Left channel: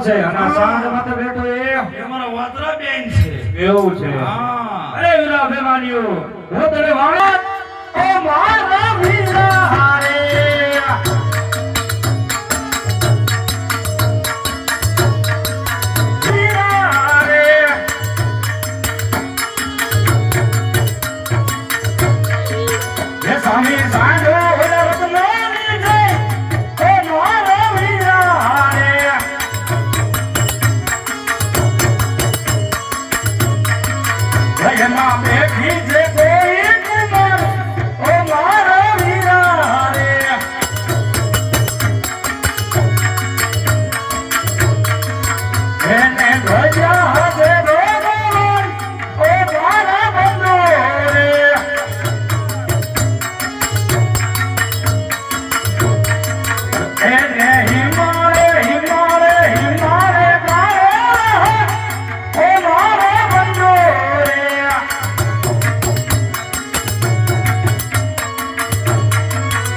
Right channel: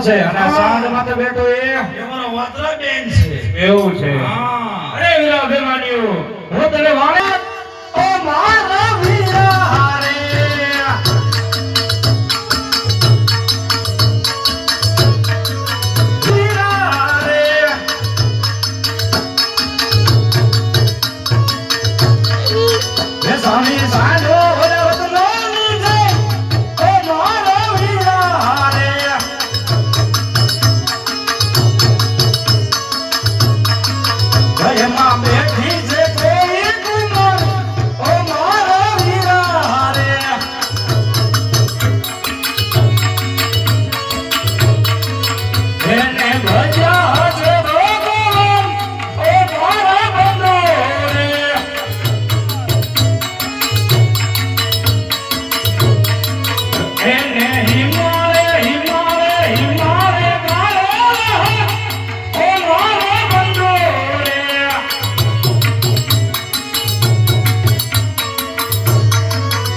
છે અને આ સાંડમાં બેઠો એ. અમારો વાતરા બેન છે. એવું છે. હા. અરે વિલા બેમાનીઓ હું તને વાળે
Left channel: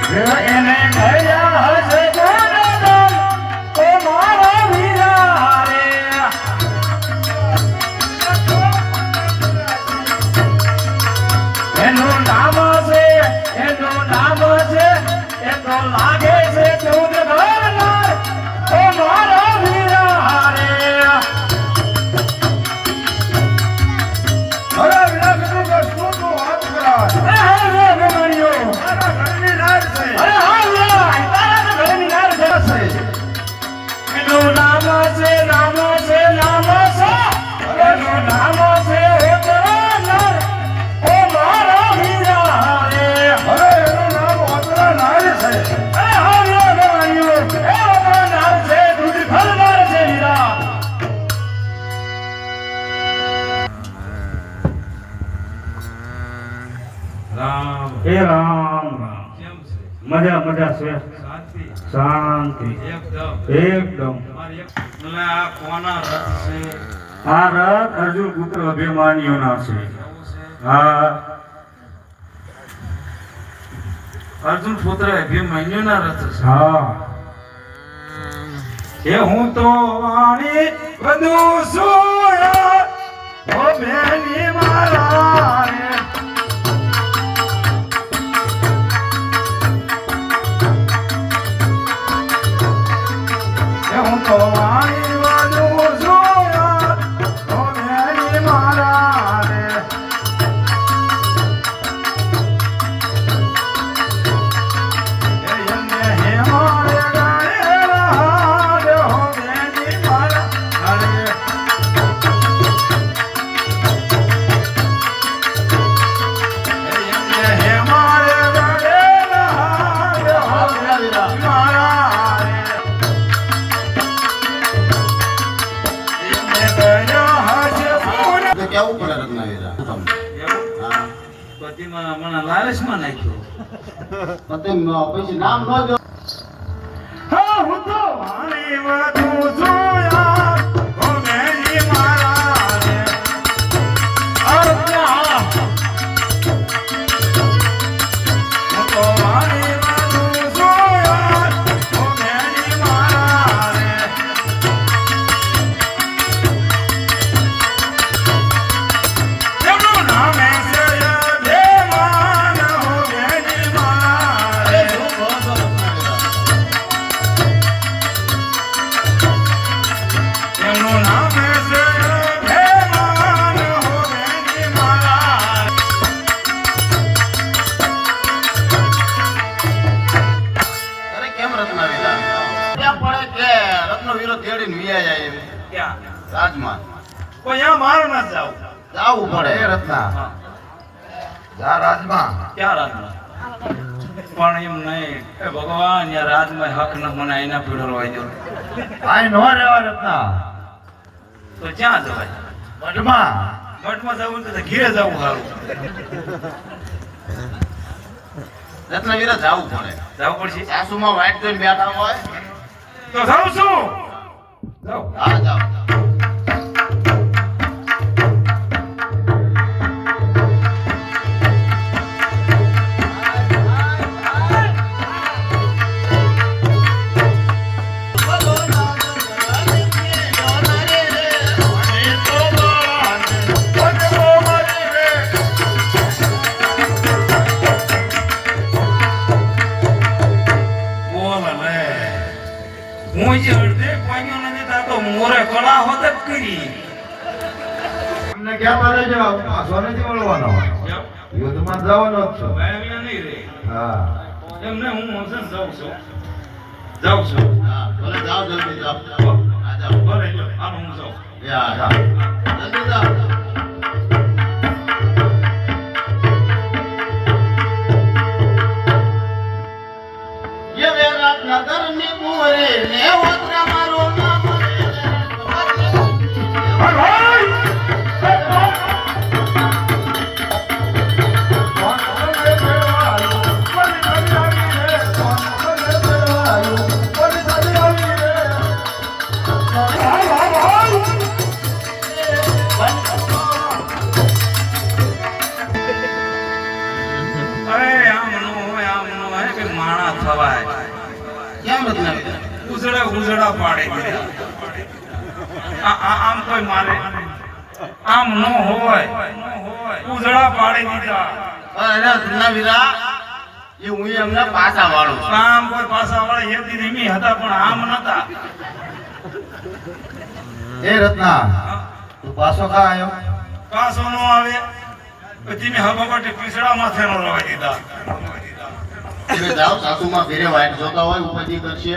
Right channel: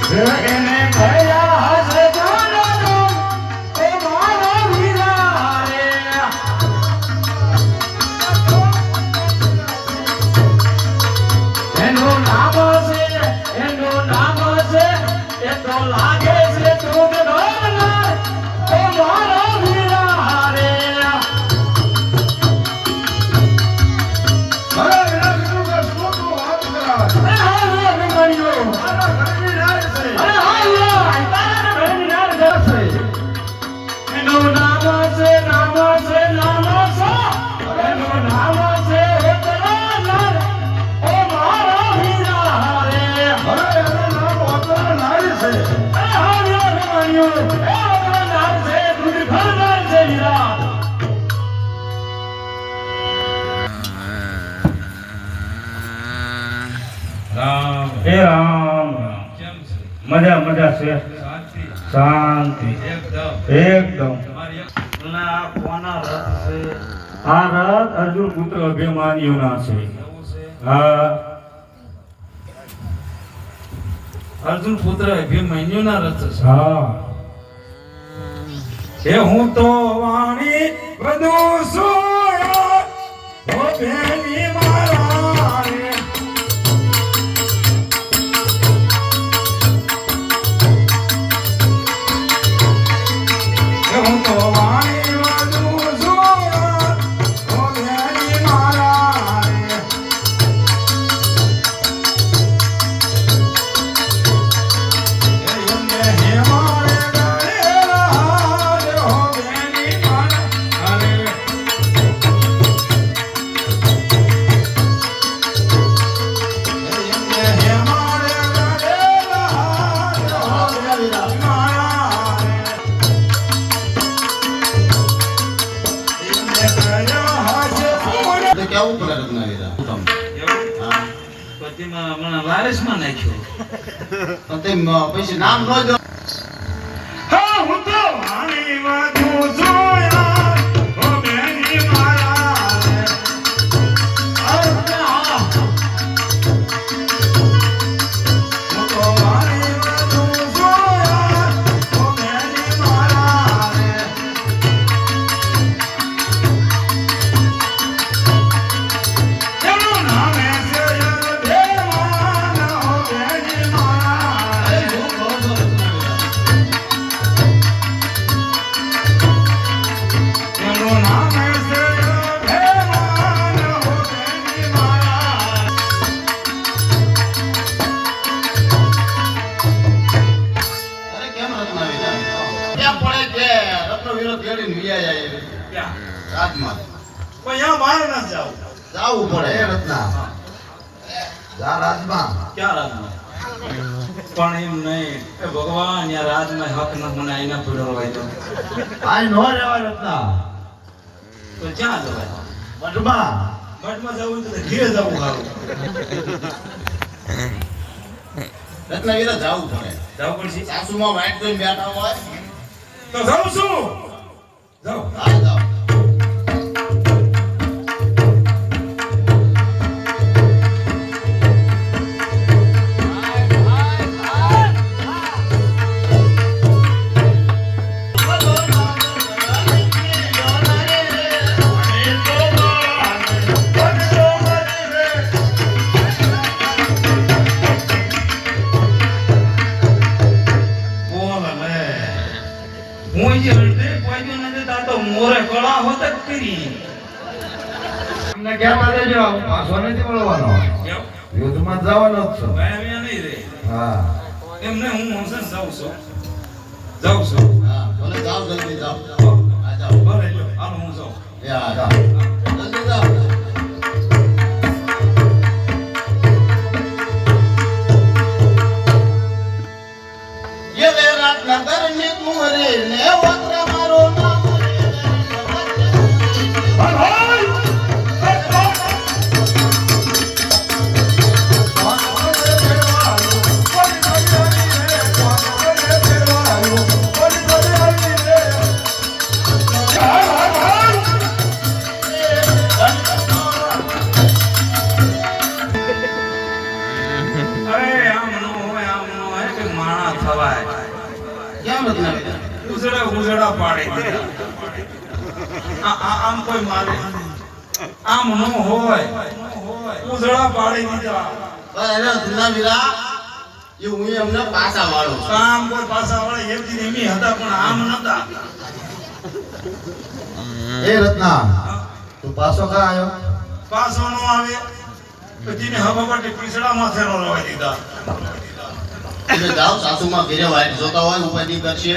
Rồi em em tới đó હે રામ મજા મજા છે. શાંતિ. એકદમ. આ રથ અર્જુન પુત્ર અભિમાનીઓના છે. હા. અર્જુન પુત્ર અભિમાન્યુના રથ છે. હા. એ હું તો વાણી વધુ સોયા ઓ બેની. પછી નામ ન આય નો રહેવા રત્ના તો ક્યાં જવાય? મઠમાં મઠમાં જવું તો ઘીરે જવું સારું. રત્નવીરા જાવું પડે. જવું પડશે? સાસુમાં વાઈટ જોઈને બેઠા હોય. તો જાઉં છું. જાઉં. હા જાઓ. આમ કોઈ મારે આમ નો હોય. ઉજળા પાડી દીધા. અરે રત્નાવીરા, એ હું એમને પાછા વાળું આમ કોઈ પાછા વાળા એક દિન એમી હતા પણ આમ નતા. એ રત્ના તું પાછો કા આવ્યો પાછો નો આવે. પછી ને હવા માટે પીસડા માથે નો લગાવી દીધા. તમે જાઓ સાસુમાં ઘરે વાઈટ જોતા હોય ઉપાધિ કરશે.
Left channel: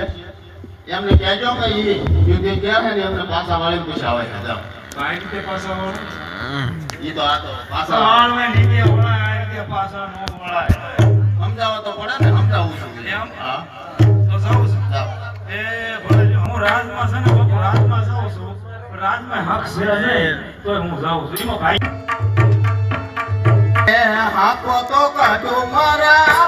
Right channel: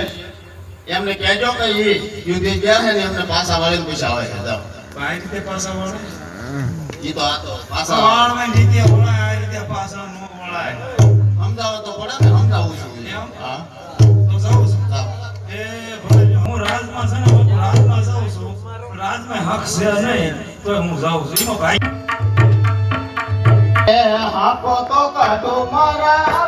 એમને કહેજો કે એ યુદ્ધ ગયા છે ને એમને પાછા વાળીને પૂછા આવે છે જાઓ. ભાઈ રીતે પાછા વાળા? ઈ તો આ તો પાછા વાળ ને લીધે વળાય આ રીતે પાછા નો વળાય. સમજાવો તો પડે ને સમજાવું છું. એમ? હા. તો જાઉં છું. એ ભલે હું રાજમાં છે ને હું રાજમાં જાઉં છું. રાજમાં હક છે તોય હું જાઉં છું. એમાં ભાઈ એ હાકો તો કાઢો મારા.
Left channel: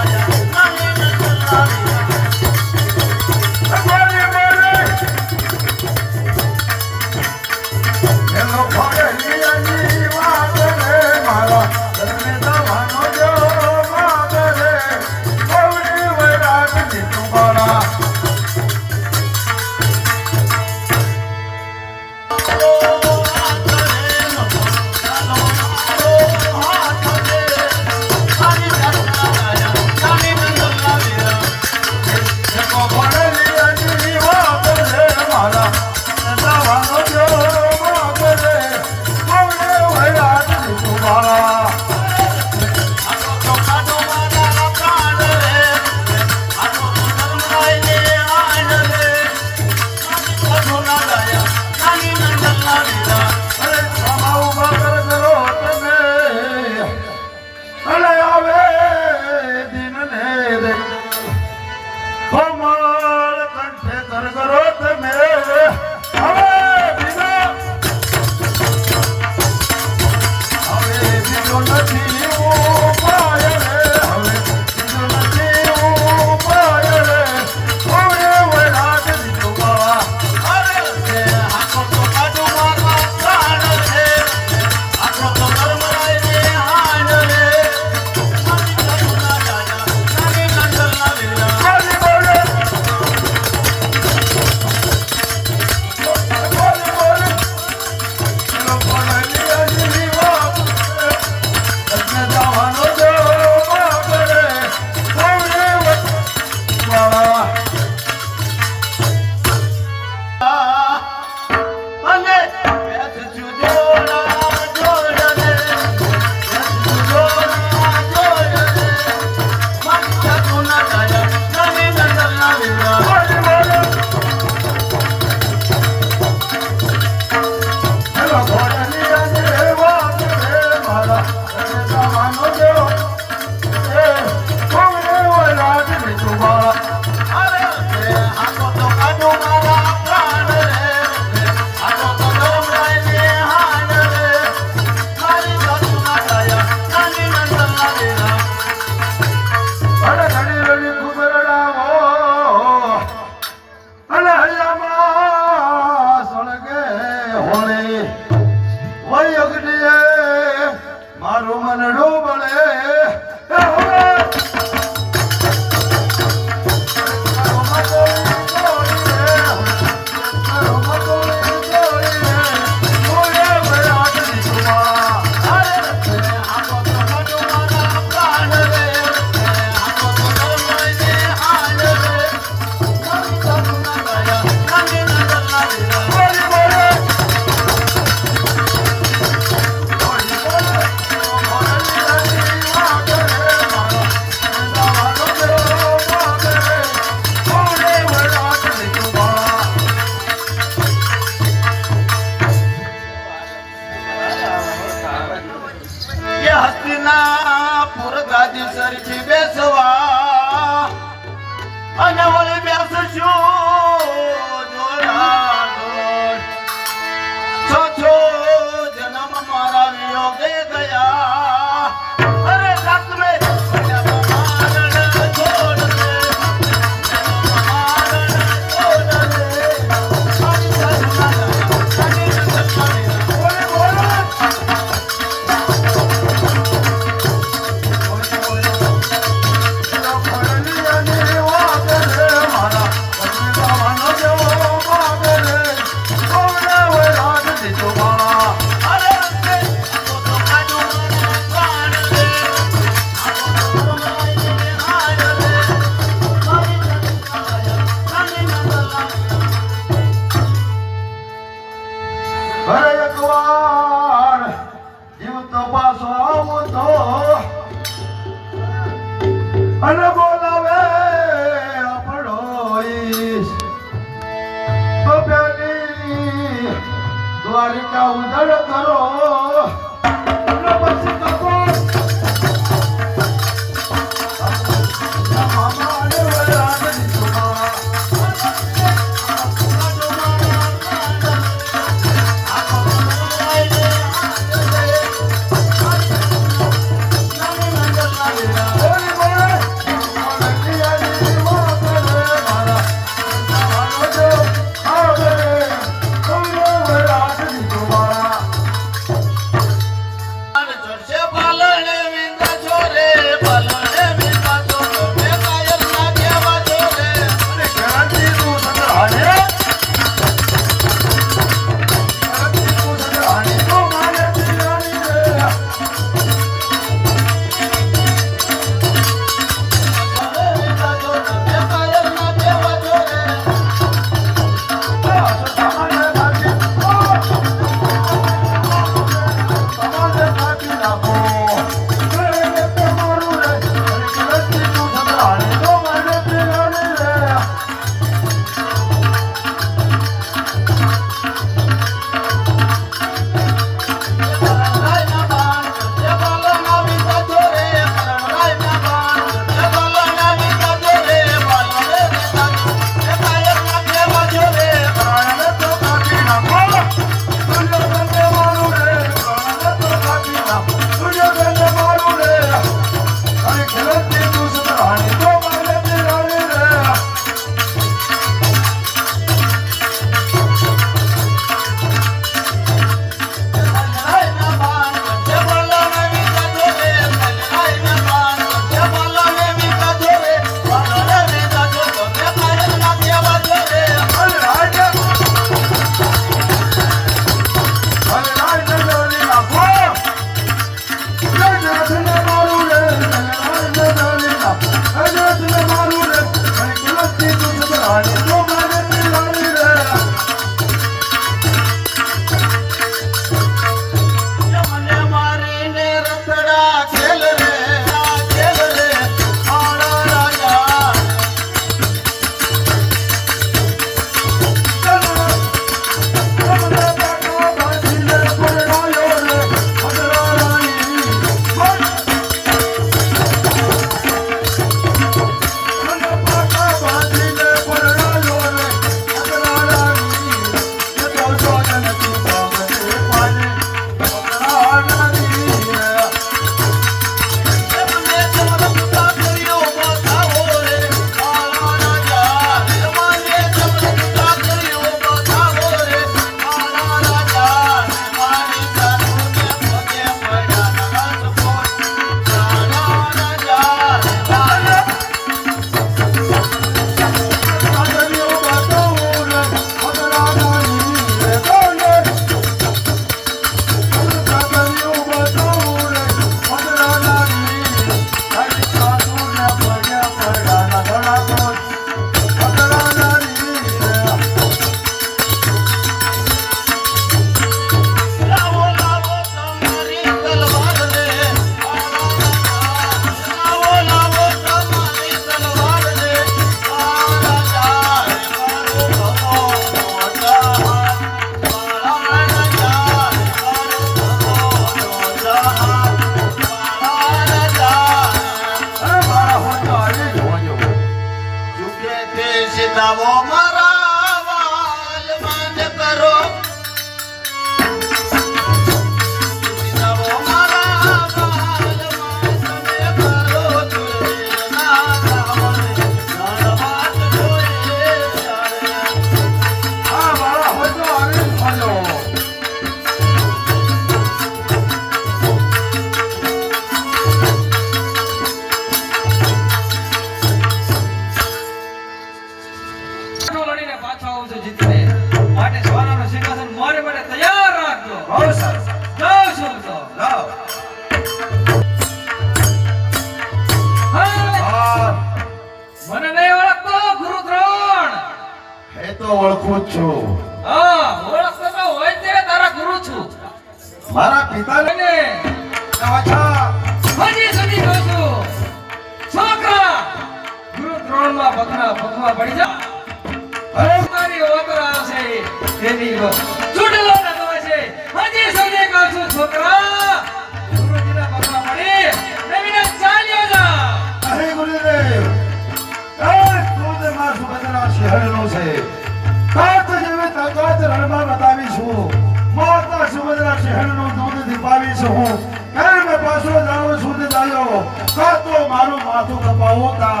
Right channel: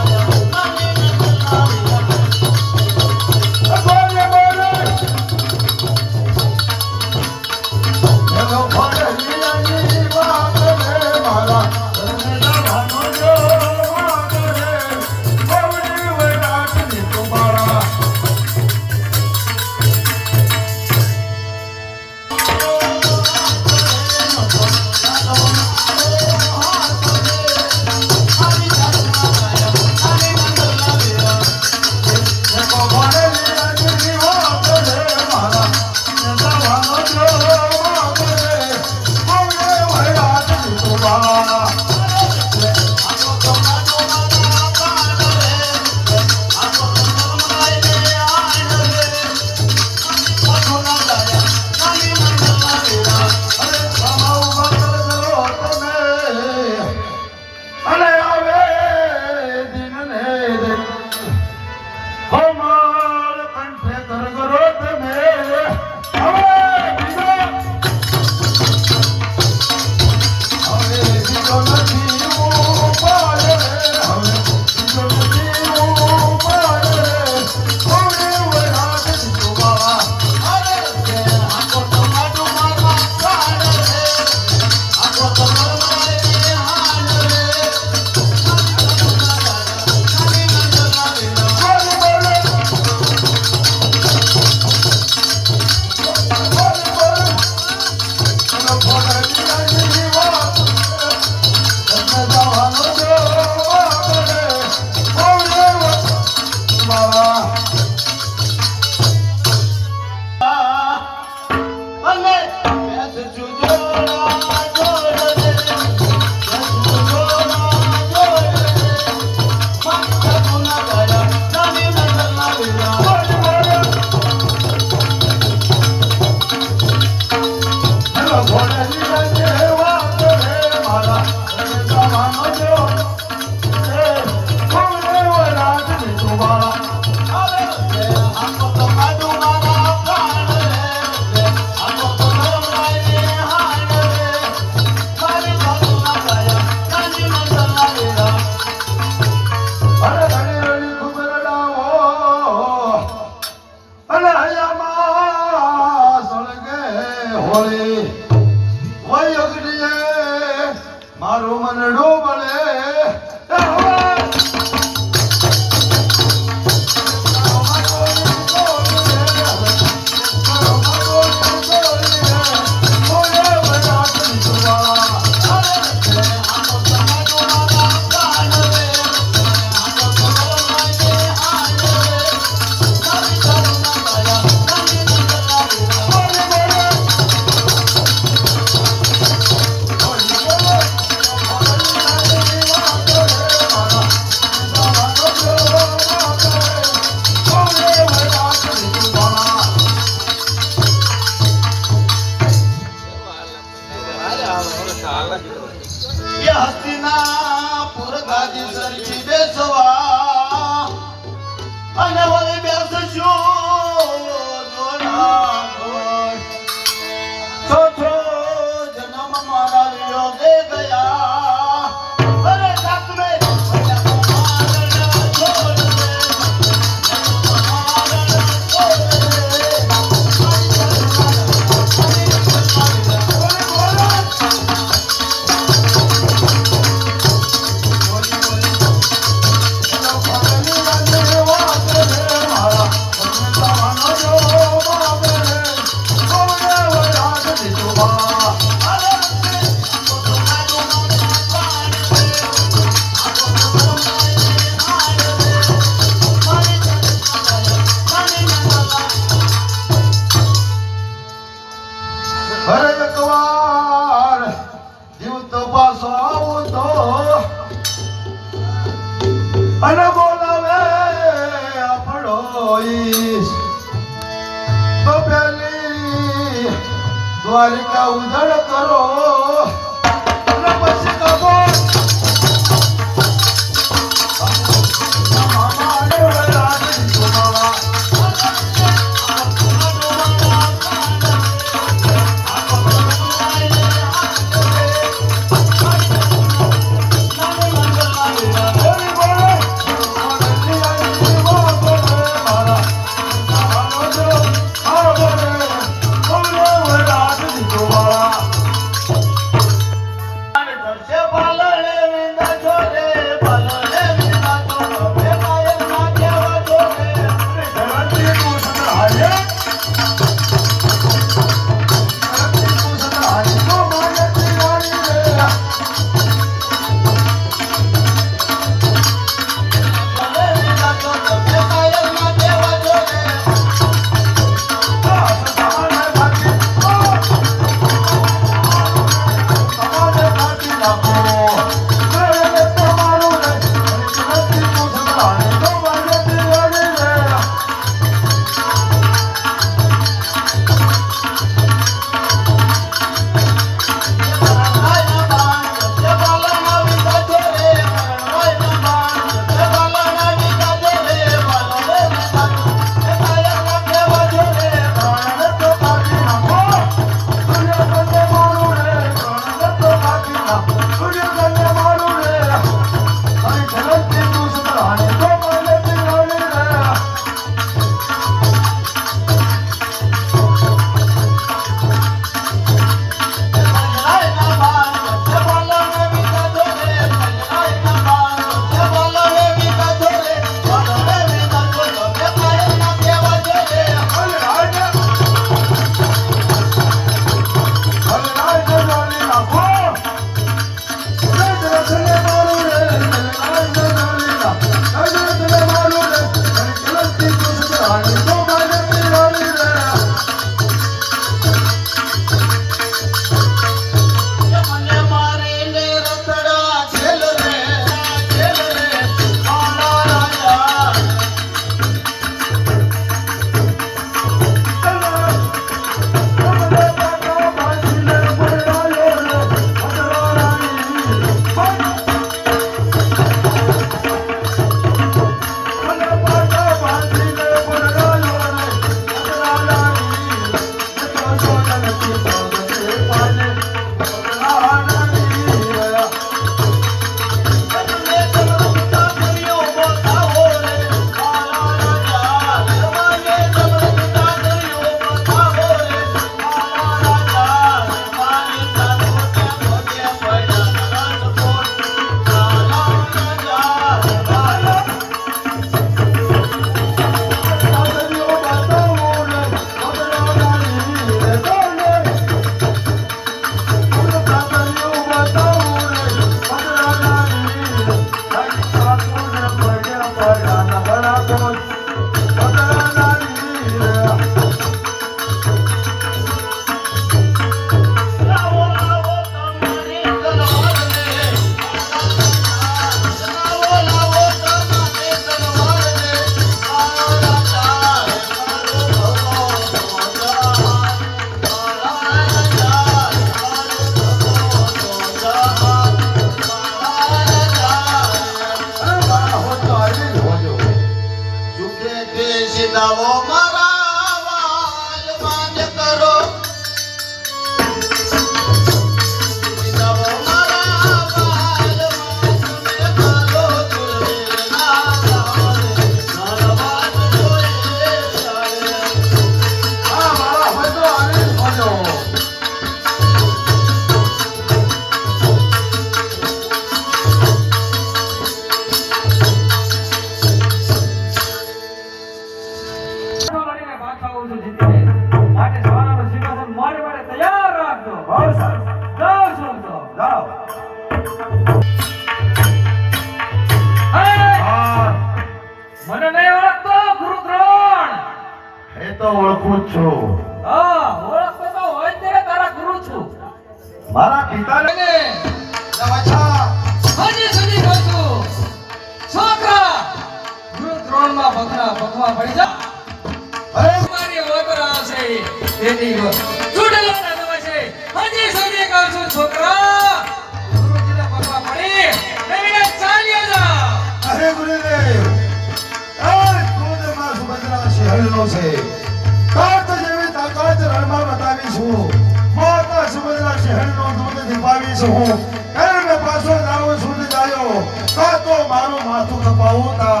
છું. કર્મ પાછો જાઉં છું ને દાયો કાં તો મારું માથું તપાવો તા.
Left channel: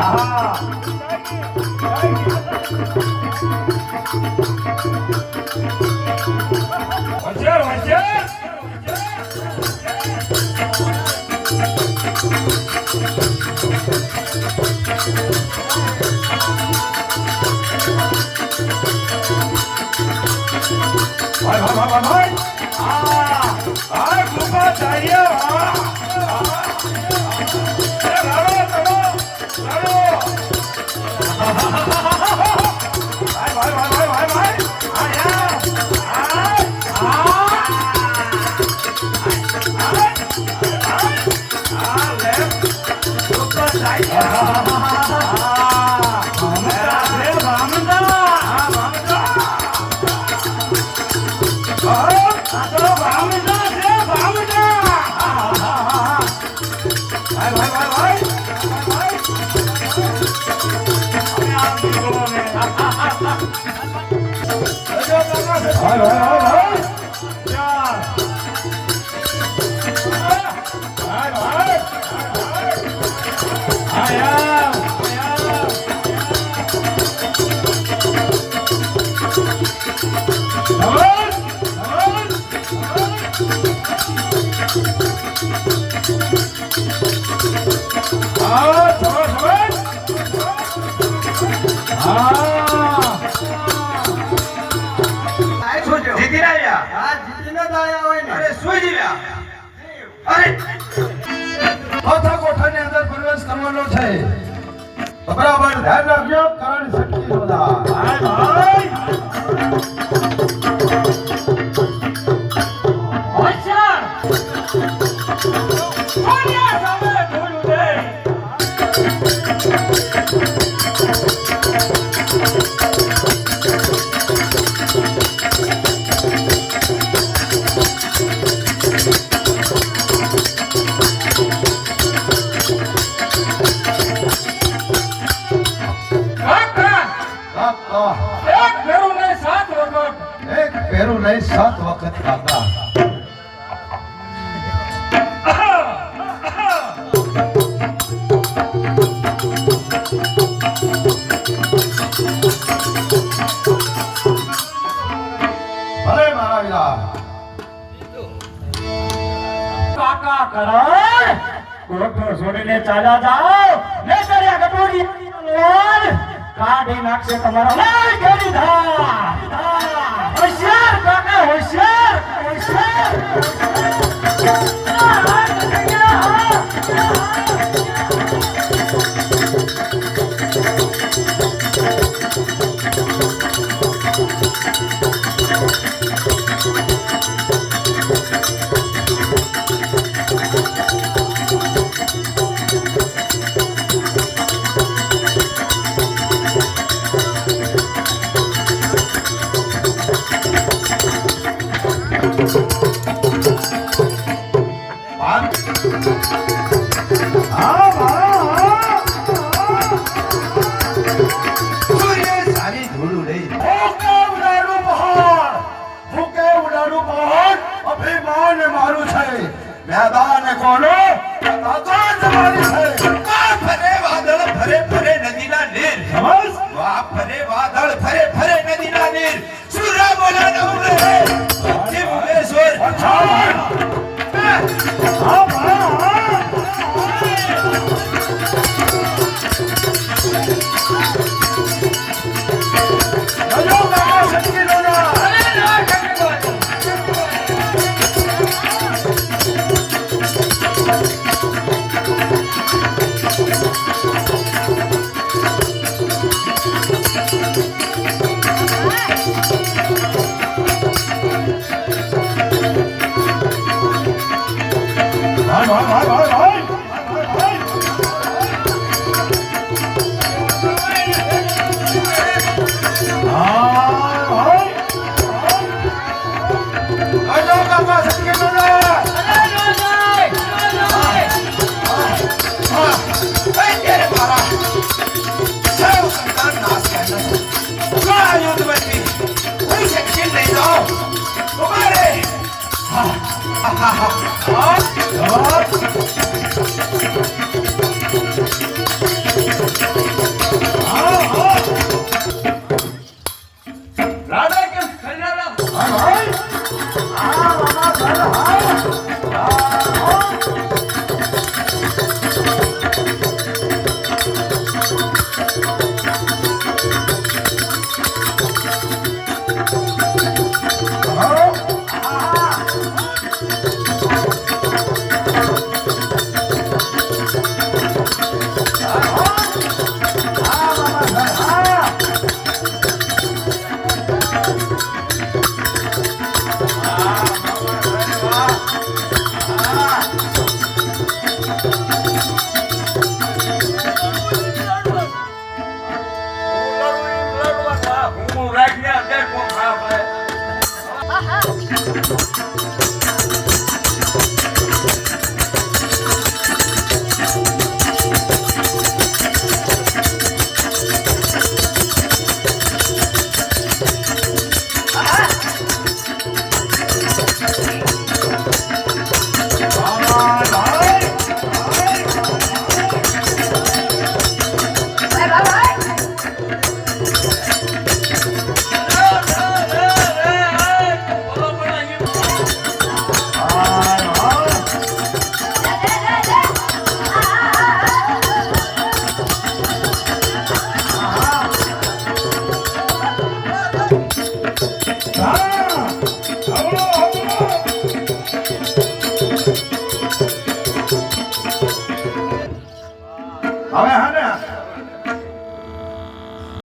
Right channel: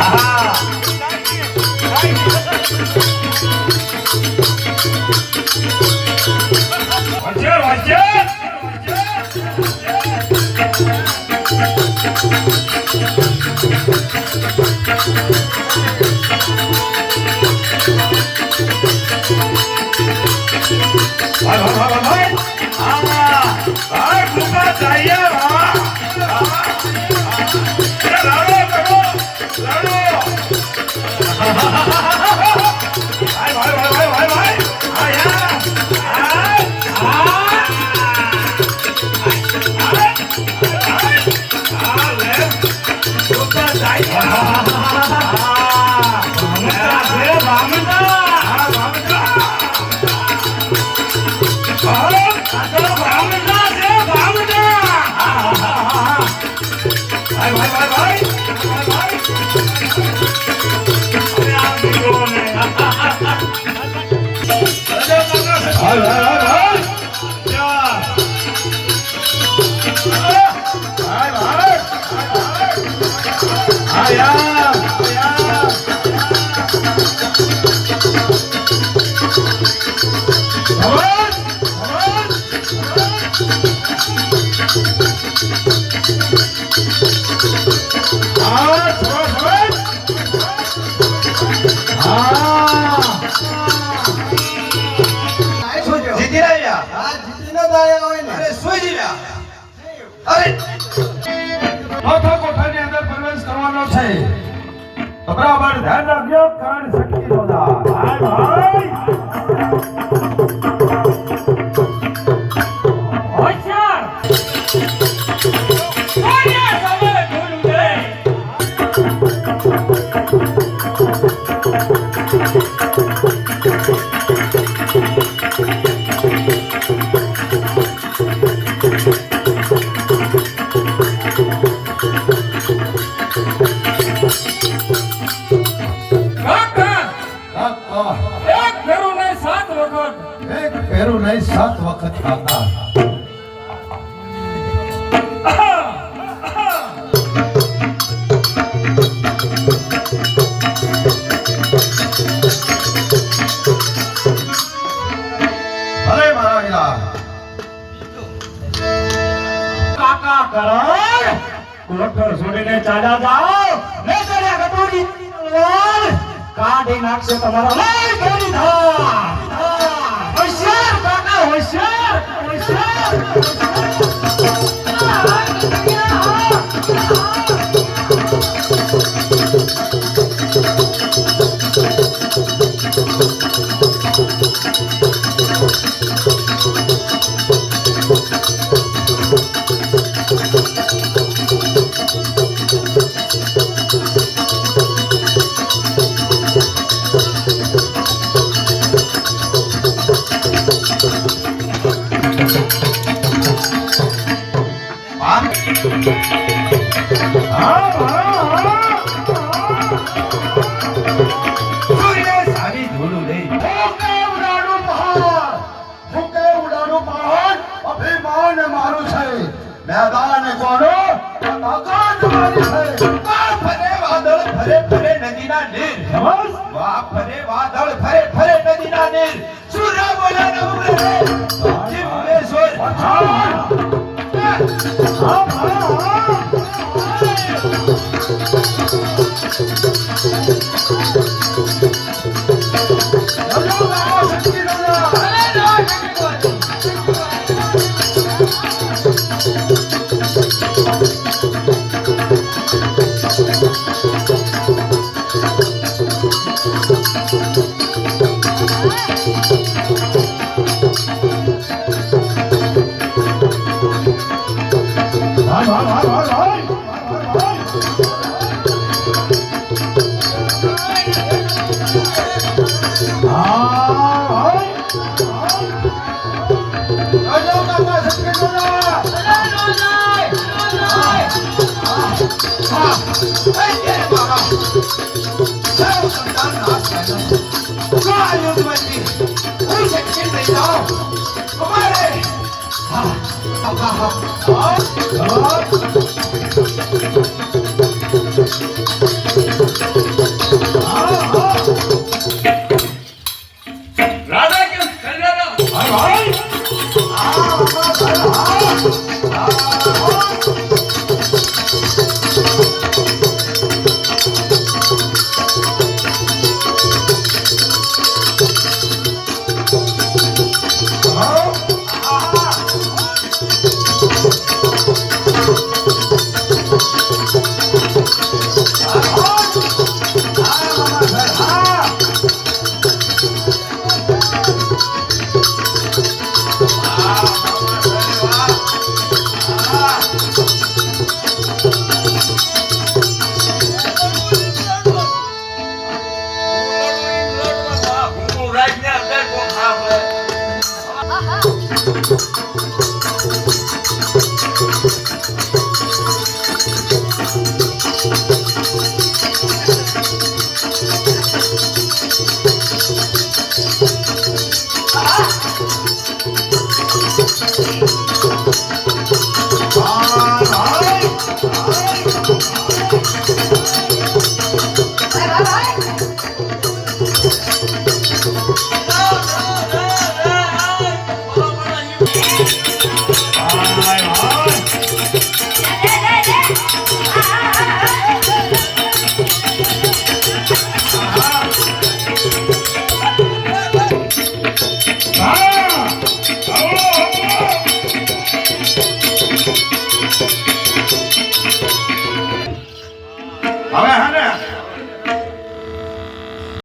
ஆஹா. બરાબર ધ્યાન રાખજો કારણ શક્તિ બધા નહીં સાત વખત ખાતા કોઠો છોડીને ચાલ્યા જાઓ. ને કર્યા કટોરી કાઢી નાખશે તમારા.